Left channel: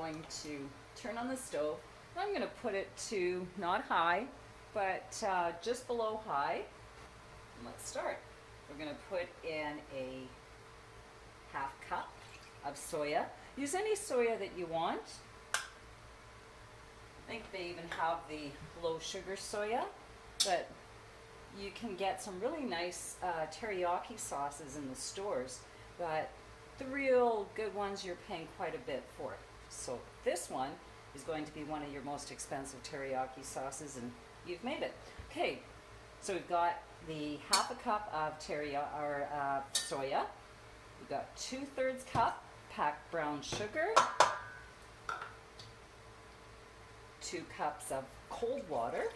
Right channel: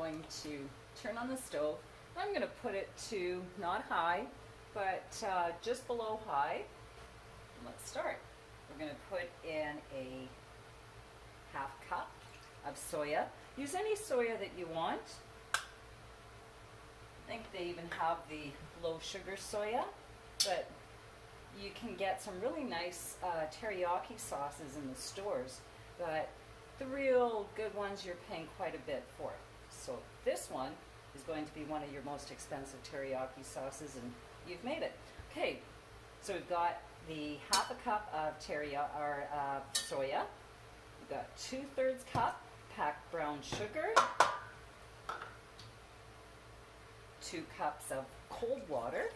Going to turn on the stove. I'm going to put it to not high, but just below high. And let's start. We're going to put in a half cup of soya. Use any soya that you want. I think they even have the low sugar soya, but you can get some really nice teriyaki sauces in the stores, but the real good ones you're paying quite a bit for. So this one is going to be one of your most expensive teriyaki sauces, and you've made it. Okay, so we've got the half a cup of soya. We've got 2/3 cup packed brown sugar, 2 cups of cold water,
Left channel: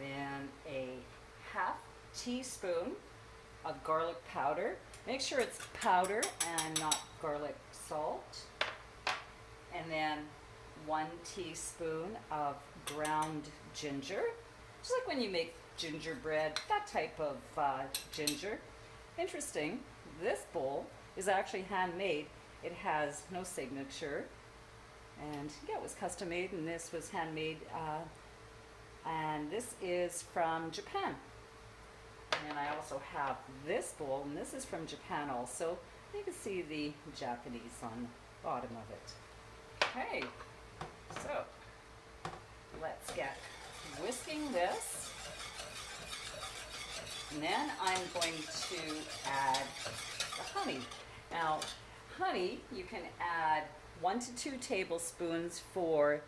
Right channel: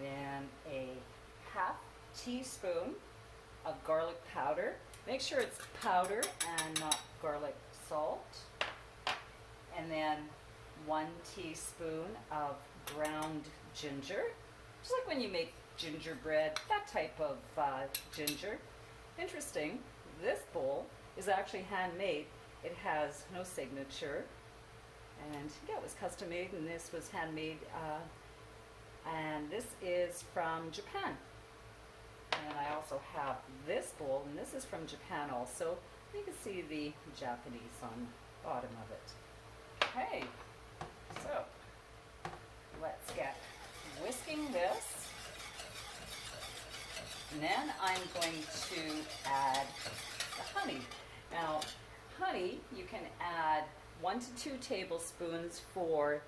then a half teaspoon of garlic powder. Make sure it's powder and not garlic salt. And then 1 teaspoon of ground ginger. Just like when you make gingerbread, that type of ginger. Interesting, this bowl is actually handmade. It has no signature. And yeah, it was custom made, and this was handmade. And this is from Japan. And I also have this bowl, and this is from Japan also. You can see the Japanese on the bottom of it. Okay, so let's get whisking this. And then I'm going to add the honey. Now, honey, you can add 1 to 2 tablespoons for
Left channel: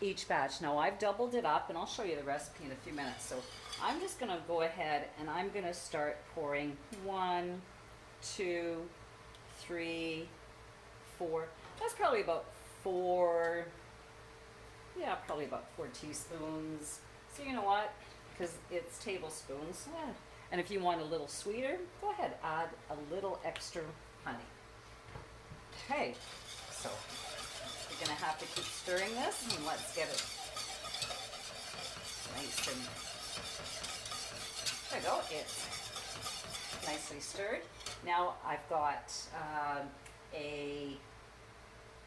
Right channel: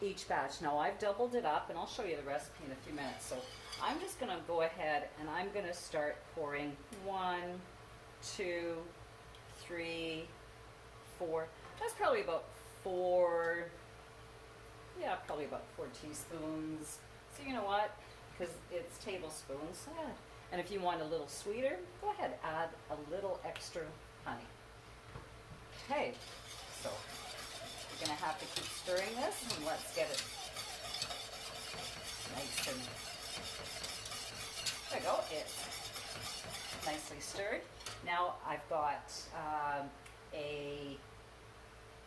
each batch. Now I've doubled it up, and I'll show you the recipe in a few minutes. So I'm just going to go ahead and I'm going to start pouring 1, 2, 3, 4. That's probably about 4. Yeah, probably about 4 teaspoons. So you know what? Because it's tablespoons. And if you want a little sweeter, go ahead, add a little extra honey. Okay, so we're going to have to keep stirring this, and let's get it nice and, there we go, it's nicely stirred. Now I've got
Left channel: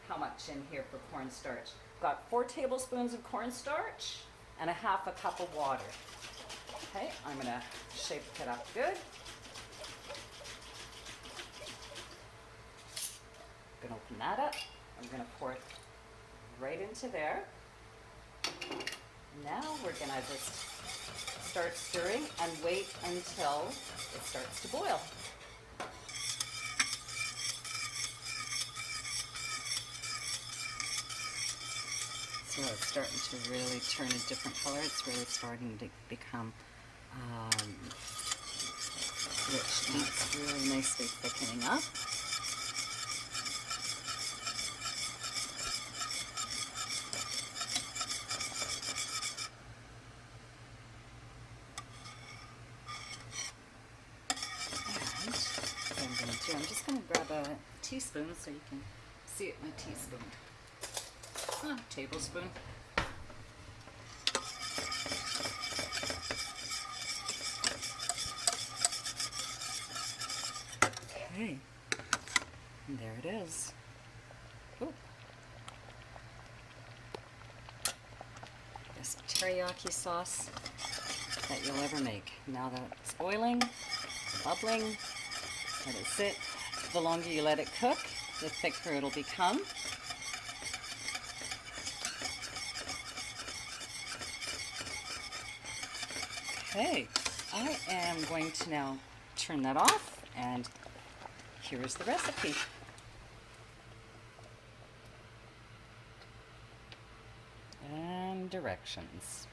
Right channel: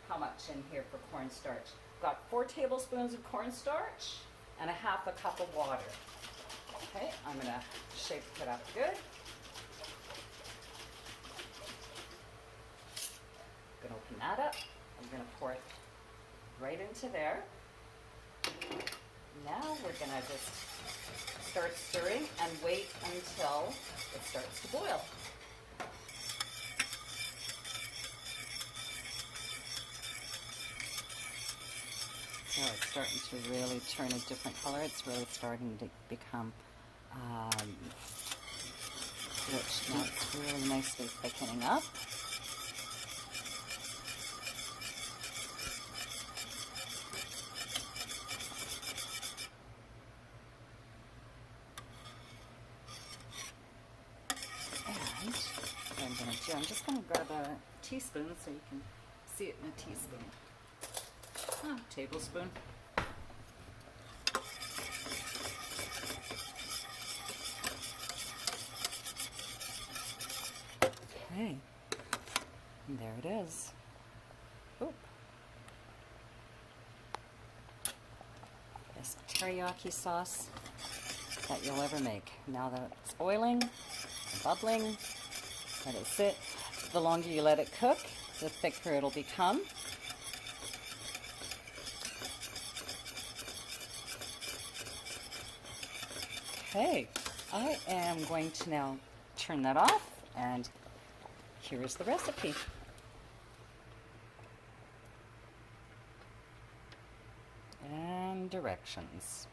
how much in here for cornstarch? Got 4 tablespoons of cornstarch and a half a cup of water. Okay, I'm going to shake it up good. I'm going to open that up. I'm going to pour it right into there. Now we're going to just start stirring and wait until it starts to boil. So it's starting to really turn a different color. It's really starting to become rich. Now it's really nicely thickening up. And what I'm going to do, I'm just going to grab a teaspoon so you can see it in a teaspoon. Tablespoon. Okay, and there it is. Oop. Best teriyaki sauce that you'll ever make. Now that it's boiling, bubbling, let it sit. The longer you let it cook, the thicker it'll become. Okay, I am going to now turn that off, and here is the recipe. And directions.